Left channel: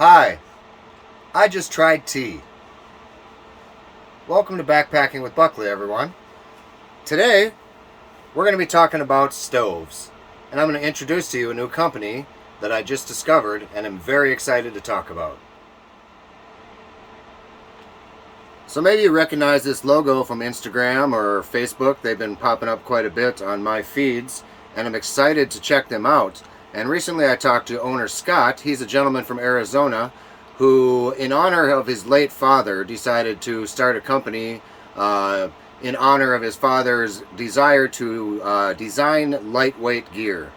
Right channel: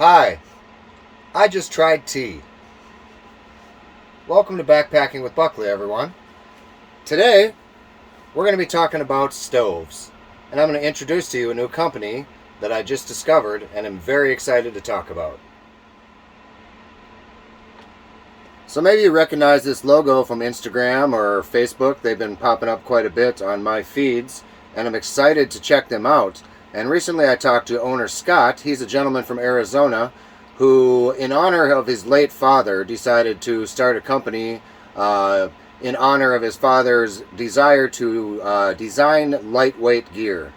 Hi, I just tried tea. Welcome to Backpacking with Buckley, everyone. Today, we're going to be talking about stoves. And I'm going to introduce to you a new company that I just discovered and am very excited to talk about. So maybe you recognize this logo from Instagram or Facebook. They've been popping up quite a bit on my feeds, and I'm excited to check them out. And recently I talked to owner Scott. He's a gentleman from Arizona who, in honor of his late father, decided to start a company in honor of his father's desire to design lightweight gear.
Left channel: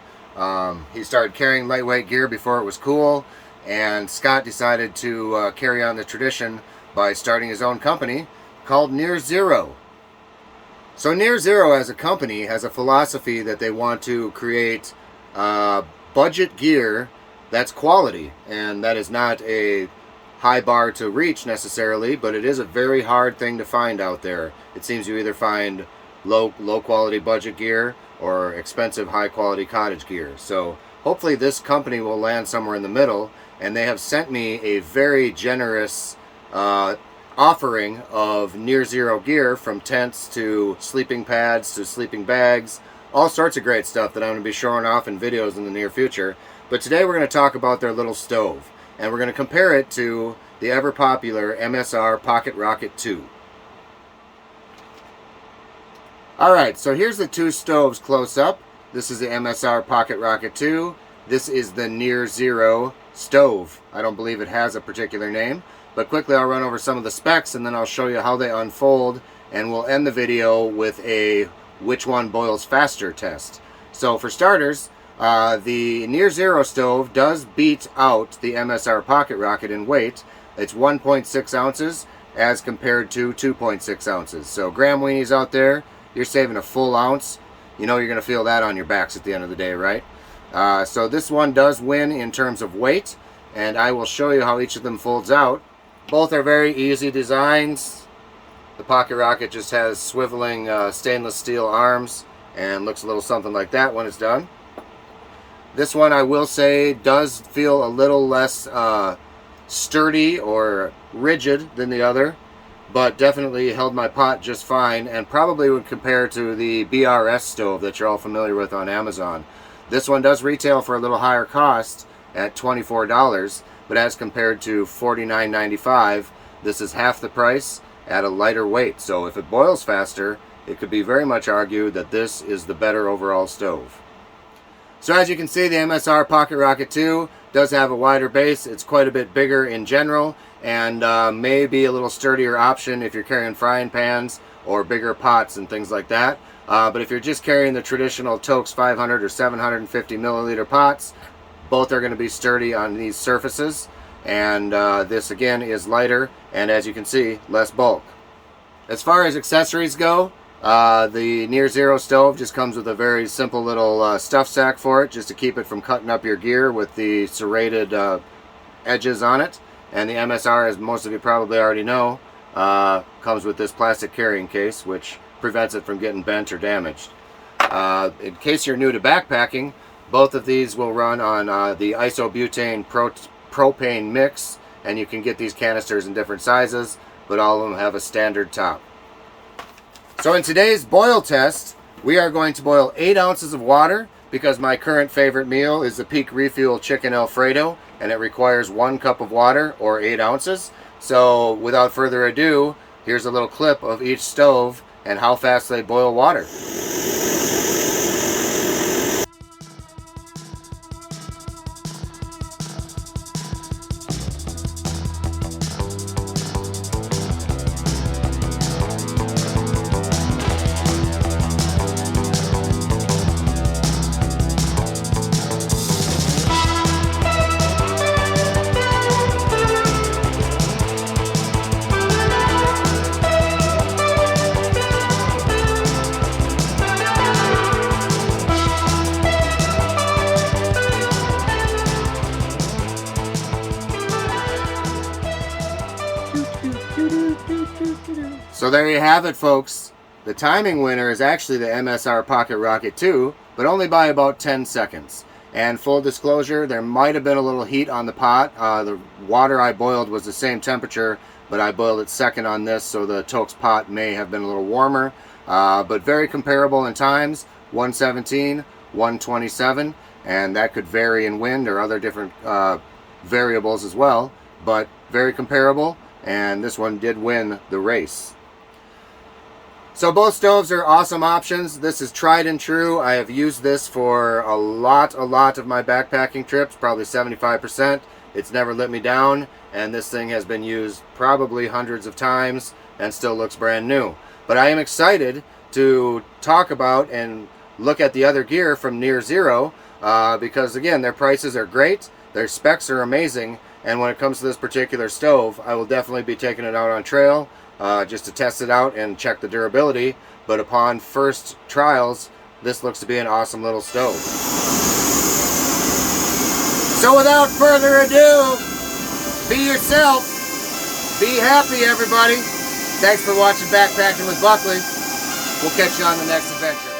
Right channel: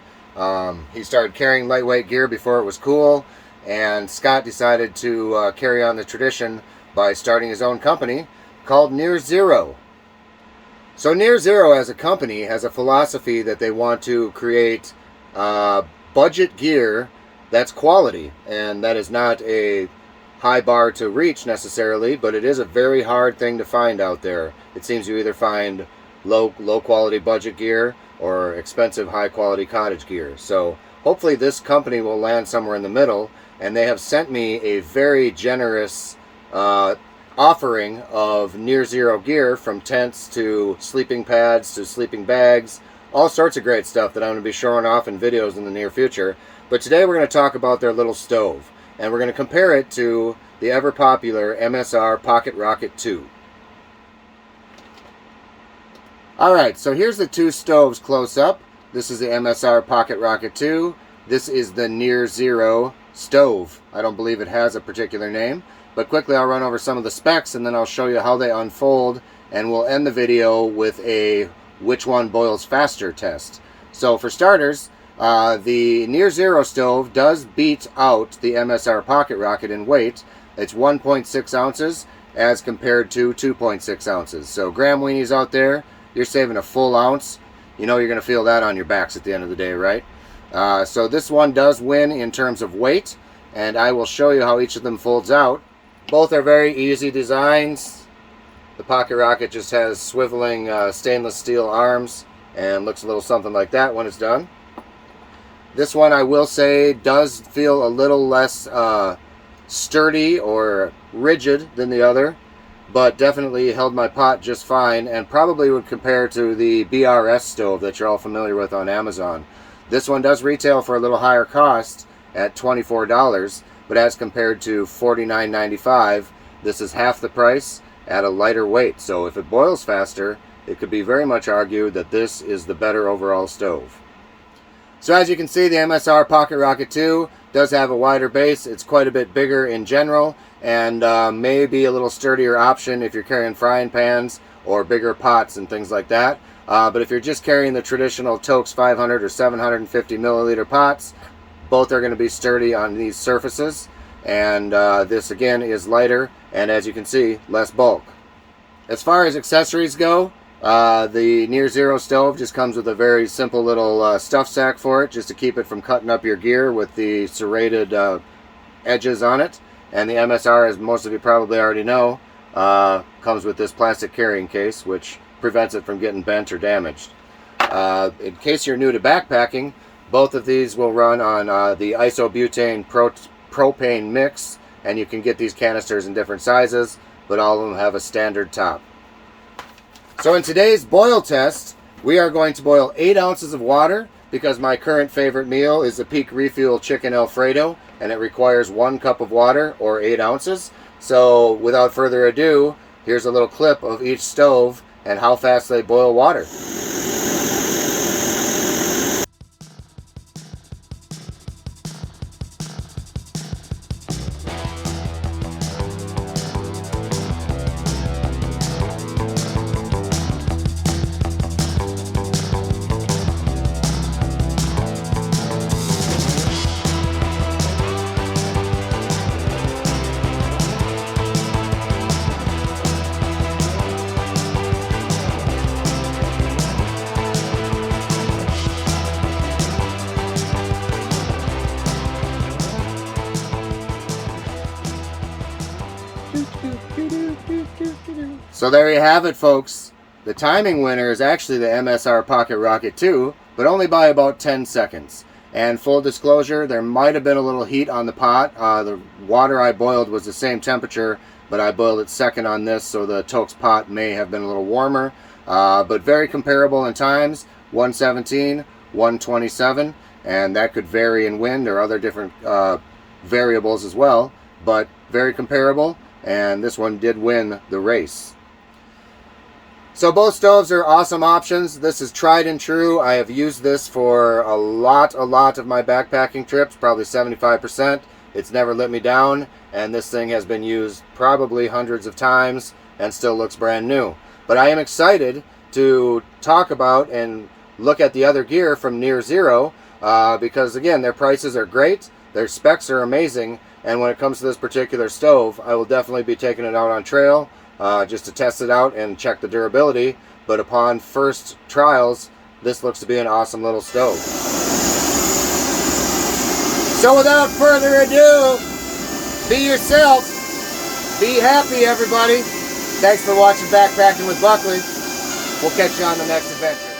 He started carrying lightweight gear before it was cool, and Scott decided to carry on the tradition by starting his own company called NearZero. So NearZero as a company has a philosophy that they want to create budget gear that's quality, and that is not a high bar to reach necessarily, but it is a very hard thing to find out there. It seems you either find low quality budget gear or expensive high quality cottage gear. So hopefully this company will land somewhere in the middle, and they have sent me a very generous offering of NearZero gear, from tents to sleeping pads to sleeping bags, all sorts of great stuff that I'm going to be showing off in videos in the near future. But today we're going to talk about their little stove, and we're going to compare it to the ever popular MSR Pocket Rocket 2. Alright, so here's the two stoves close up. This is the MSR Pocket Rocket 2. This is the NearZero stove. I don't believe it has a particular name, but quickly I'll run over some of the specs and then I'll show you how they unfold, and we'll end the video with a which one boils faster test. So for starters, the NearZero stove does beat out the MSR Pocket Rocket in weight. It's 1.6 ounces as compared to 2.6 ounces. So gram weenies out there, you're saving a full ounce. You know you're going to feel that on your backs at the end of the day, right? So this one does win in terms of weight, and I will show you how each of them folds out. Both are very easy designs. The Pocket Rocket just has swiveling stainless steel arms and looks a little something like that when it's done. This one, I will say, does feel a little less sturdy or rigid than the other, but definitely held my pot just fine, and probably would compare to the BRS stove that you're all familiar with on Amazon. This one does retail for a little higher cost at $24, but as compared to $49.95, this is half the price at a lighter weight. So if it boils faster, it could be very much argued that this is the better overall stove. So as you can see, the MSR Pocket Rocket 2 does have a wider base. It's quite a bit bigger in general, and may be a little sturdier option if you're carrying frying pans or bigger pots and things like that. But if you're just carrying the traditional Tokes 500 or 750 milliliter pots, both are going to be sturdy on these surfaces. And this again is lighter, and as you can see, less bulk. As far as accessories go, the NearZero stove just comes with a very simple little stuff sack for it, just to keep it from cutting up your gear with the serrated edges on it. And the MSR, as most of you probably already know, comes with this plastic carrying case, which prevents it from getting bent or damaged. In case you're new to backpacking, both of these will run on the isobutane propane mix, and you can get these canisters in different sizes, but all of them have a standard top. So in today's boil test, we are going to boil 8 ounces of water, because my current favorite meal is the Peak Refuel Chicken Alfredo, and it requires 1 cup of water or 8 ounces. So without further ado, here's a little clip of each stove and how fast they boil water. So there you have it, folks. The timing winner is actually the MSR Pocket Rocket 2, but only by about 10 seconds. And full disclosure, there might have been a little heat on the pot. The water I boiled was the same temperature, but I boiled it second on this, so the Toke's pot may have been a little warmer. But very comparable in times, 117, 127, and that could vary in wind or other different variables as well, but very comparable, and this one did win the race. So both stoves are awesome options. This is tried and true. I have used this for a lot of my backpacking trips, probably 75%. It's never let me down, and this thing has been used probably hundreds of times and still looks brand new. But I am excited to talk about and look at the other gear from NearZero because, again, their prices are great, their specs are amazing, and when it comes to this particular stove, I will definitely be taking it out on trail just to test it out and check the durability. But upon first trials, this looks to be an awesome little stove. So without further ado, be yourself, be happy, everybody. Thanks for watching Backpacking with Buckley. We'll catch you on the next adventure.